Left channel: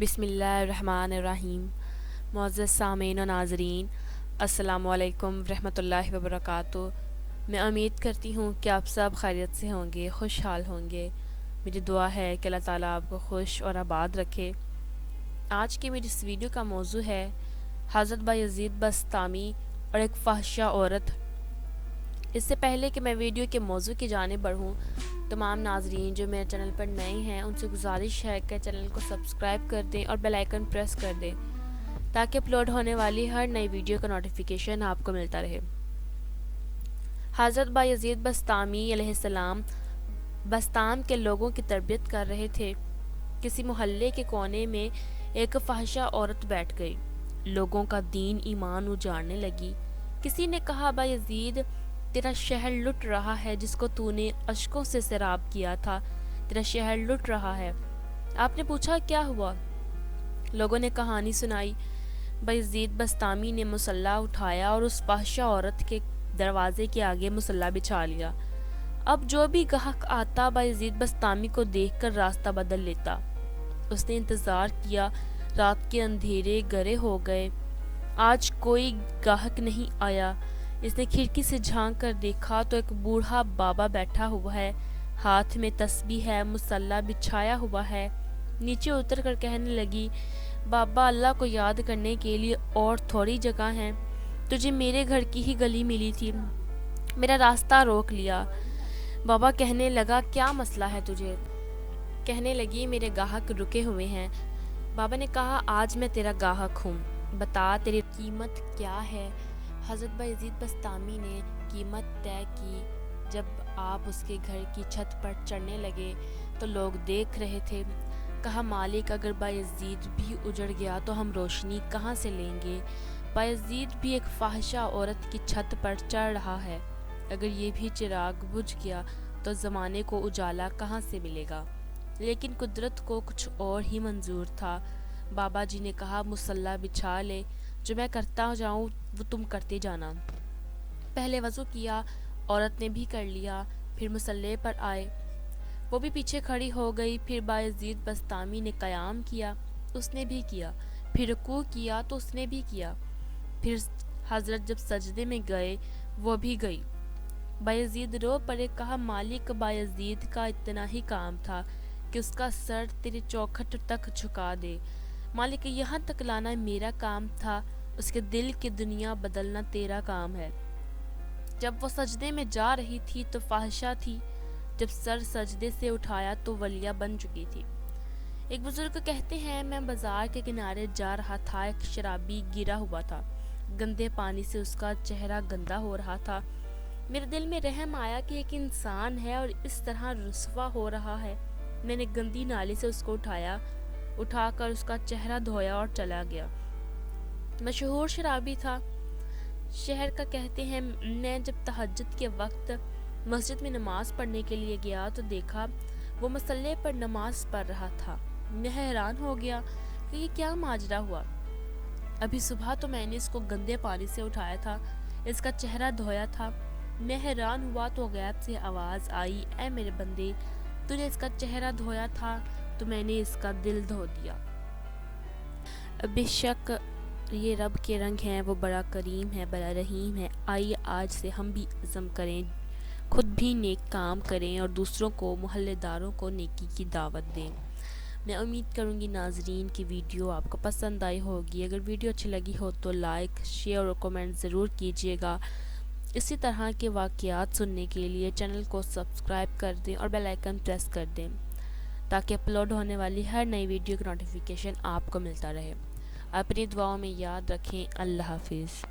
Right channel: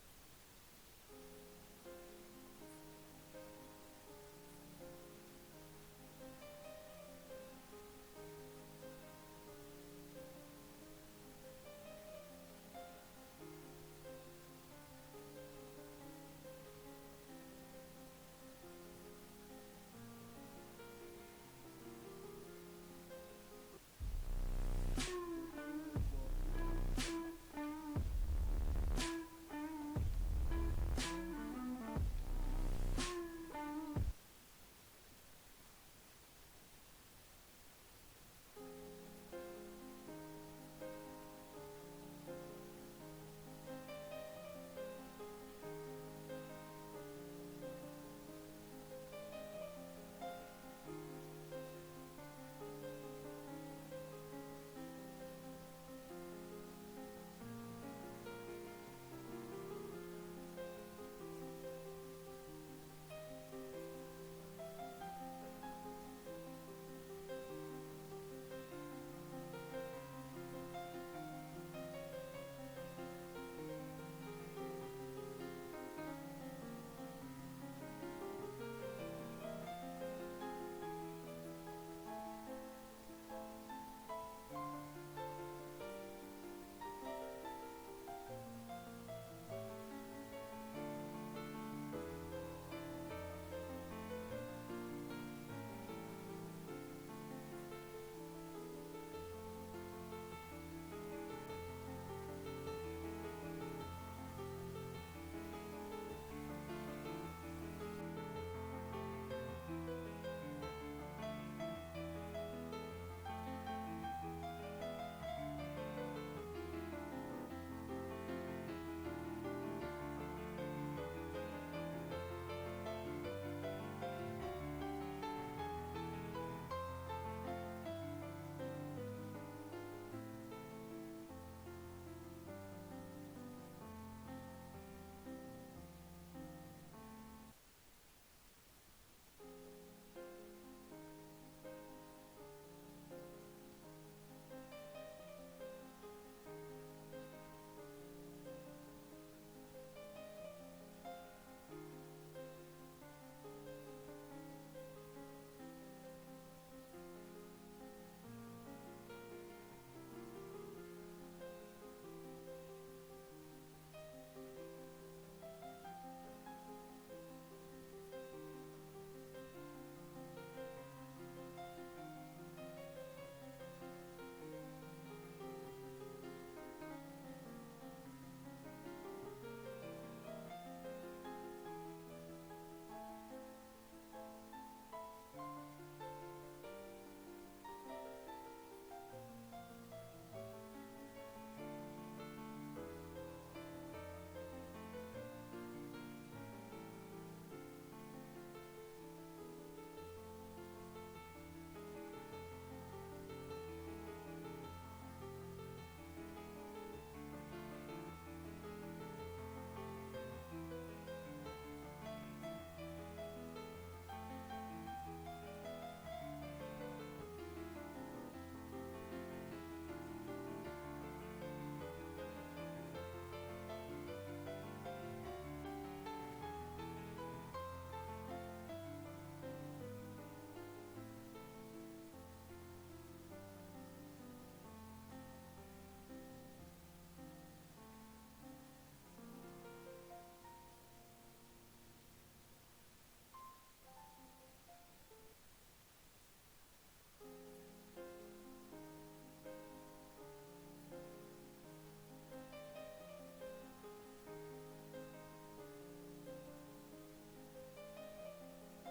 بسم اللہ الرحمن الرحیم۔ معزز سامعین و ناظرین، السلام علیکم ورحمۃ اللہ وبرکاتہ۔ میں امید کرتی ہوں کہ آپ سب خیریت سے ہوں گے، خوشحال ہوں گے۔ میری دعا ہے کہ اللہ تعالیٰ آپ کو خوش اور آباد رکھے۔ آج کی میری اس ویڈیو کا موضوع ہے حضرت بایزید بسطامی اور ایک فحشہ عورت۔ اس سے پہلے کہ میں ویڈیو کے موضوع کی جانب بڑھوں، تمام ناظرین جو میرے چینل پر نئے ہیں ان سے گزارش ہے کہ چینل کو سبسکرائب کر دیں اور بیل آئیکن پریس کر دیں تاکہ اپلوڈ ہونے والی ہر نئی ویڈیو کا نوٹیفیکیشن آپ کو ملتا رہے۔ حضرت بایزید بسطامی علیہ السلام بسطام کے لوگوں کی تربیت کر رہے تھے۔ کسی محلے کے کونے میں ایک فحشہ عورت بیٹھ گئی، لوگوں کا دین ایمان اجاڑنے لگی۔ کسی نے کہا، بایزید تیرا شہر لٹ رہا ہے جس کو تو نے اشکوں سے سیراب کیا تھا، تیرا شہر لٹ رہا ہے۔ آپ نے پوچھا کیا ہوا؟ لوگوں نے کہانی سنائی۔ بایزید بسطامی نے مصلی اٹھایا اور اس فحشہ عورت کے دروازے کے آگے مصلی بچھا لیا۔ اب جو بھی گاہک آتا بایزید بسطامی کو دیکھ کر راستہ بدل لیتا۔ اس نے انتظار کیا، رات کے اندھیرے گہرے ہو گئے، آج کوئی گاہک نہیں آیا۔ اس نے کھڑکی سے جھانک کر دیکھا تو ایک بوڑھا بابا بیٹھا ہوا ہے، ہاتھ میں تسبیح ہے، مصلی بچھایا ہوا ہے۔ نیچے اتر کر کہنے لگی، بابا اللہ کو یاد کرنے کے لیے اور تھوڑی جگہ ہے، تجھے میرے گھر کی ہی گلی ملی تھی، میرا راستہ روک لیا۔ بابا کہنے لگا، کیا مسئلہ ہے تجھے؟ کہنے لگی، میرے گاہک رکے ہوئے ہیں۔ بابا نے کہا، آج میں تیرا گاہک ہوں، بتا تیری قیمت کیا ہے؟ حضرت بایزید بسطامی نے قیمت طے کی۔ جب آپ اس کے گھر کی چھت پر چڑھنے لگے تو لوگ دیکھ رہے تھے۔ کہا، مالک اگر بایزید بھی اجڑ گیا تو ہم روشنی کہاں سے لیں گے؟ بایزید بھی ایک فحشہ عورت کی چھت پر چڑھ رہا ہے، اگر یہ بھی چراغ بجھ گیا تو زمانے کو اجالا کہاں سے ملے گا؟ لیکن قدرت کو کچھ اور ہی منظور تھا۔ بابا جی نے کہا، مصلی بچھا لے، جو میں کرتا جاؤں وہ تم کرتے جانا۔ پہلے وضو کیا، عورت نے بھی کر لیا، پھر مصلی پر آئے، وہ بھی پیچھے کھڑی ہو گئی۔ پھر بایزید بسطامی نے قیام کیا، اس نے بھی کیا، پھر رکوع کیا تو اس نے بھی کیا، پھر حضرت جب سجدے میں گئے وہ بھی گئی۔ بایزید رو پڑے۔ کہا، مالک بایزید کا اتنا ہی کام تھا کہ اس کا سر تیرے چوکھٹ تک جھکا دے، مالک یہاں تک لانا میرا کام تھا، اس کے دل کی دنیا بدلنا تیرا کام ہے۔ جب وہ سجدے میں جا رہی تھی تو فحشہ تھی، جب سر سجدے سے اٹھایا تو ولیہ بن چکی تھی۔ ایک بزرگ کہتے ہیں، میں بازار کے کنارے جا رہا تھا، ایک شرابی گرا ہوا تھا، گندے پانی سے اس کا چہرہ گندا ہو رہا تھا۔ میرے دل میں رحم آیا کہ ایک انسان ہے اور اس طرح رسوا ہو رہا ہے۔ میں نے گندی نالی سے اس کو اٹھا کر اس کا چہرہ دھویا اور چلا گیا۔ مشہور شرابی تھا، شہر کا کہتے ہیں، میں جب تہجد کے وقت مسجد میں نماز پڑھنے کے لیے گیا تو دیکھا وہ مصلی پر نماز پڑھ رہا تھا۔ میں حیران ہو گیا کہ یہ کیا ماجرا ہوا۔ ابھی صبح تو میں نے اس کو گندے پانی سے اٹھایا تھا، اس کا چہرہ دھویا تھا۔ میں حیران ہوا تو غیب سے آواز آئی، اے میرے بندے، تو نے اس کا چہرہ دھویا تھا تو میں نے اس کا دل دھو دیا۔ بے شک یہ رب کے رنگ ہیں، وہ بڑا کریم ہے، بڑا رحیم ہے۔ آئیے آج سے ہم بھی عزم کریں، خود بھی نیک کام کریں اور دوسروں کو، محلے داروں کو نیکی کی دعوت دیں۔ میں امید کروں گی ناظرین کی ویڈیو آپ کو پسند آئی ہوگی۔ اگر ویڈیو اچھی لگی ہو تو لائک، شیئر اور کمنٹ ضرور کیجیے گا۔ اسی طرح کے واقعات سننے کے لیے چینل کو سبسکرائب کر دیں اور بیل آئیکن پریس کر دیں تاکہ اپلوڈ ہونے والی ہر نئی ویڈیو کا نوٹیفیکیشن آپ کو ملتا رہے۔ اپنی دعاؤں میں یاد رکھیں۔ اللہ حافظ۔